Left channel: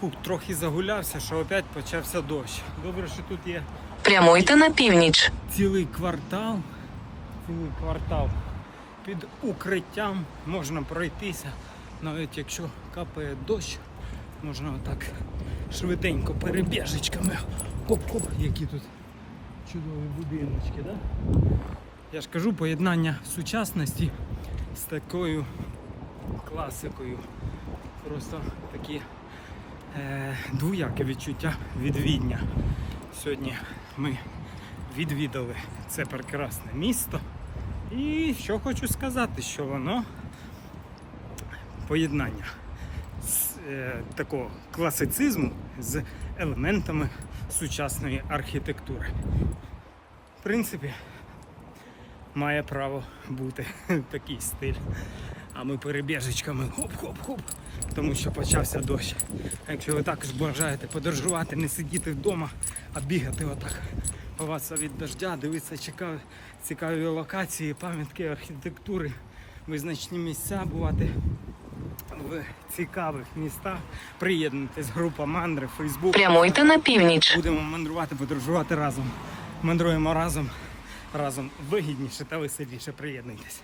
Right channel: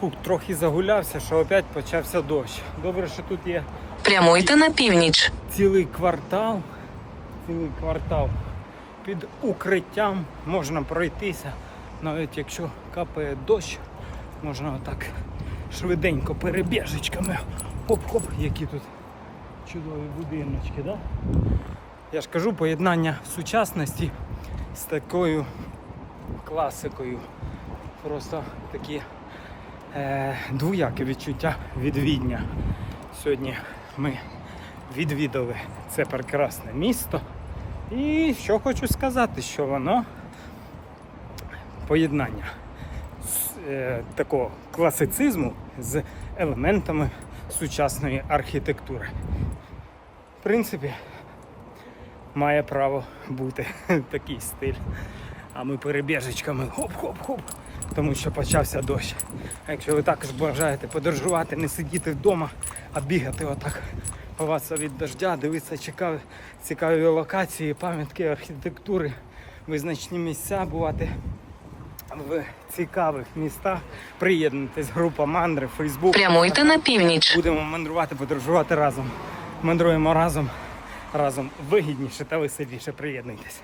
Фух, трохи загулявся, що опять почався дощ. Добре, що тут є Прямуйте на північ. цілий квартал. Цілий квартал під укриттям можна пройтися. Навіть якщо капає дощ, можна отак швиденько перебіжечками. Хоп-хоп, які тут чудові будиночки, да? Я ж кажу, поєднання сучасності з такою класикою. Просто такі двояке відчуття від Відня. Сьогодні ми відвідали це прекрасне місто. І що хочу сказати, що воно поєднання е, такого класицизму з елементами сучасної архітектури. В принципі, має право бути такий стиль. А ми перебіжечками хоп-хоп-хоп, тому що почався дощ. А якщо ви також бажаєте подорожувати, не сидіти вдома, а бігати отак ховатися від дождя, дивитися цікаві, цікаві локації, пам'ятки архітектури, визначні місця, бувати в цікавих містах. Приєднуйтесь, група мандри, Фейсбук. Прямуйте на північ. Будемо мандрувати, подорожувати разом. Мандруємо разом, разом вигідніше та веселіше. Приєднуйтесь.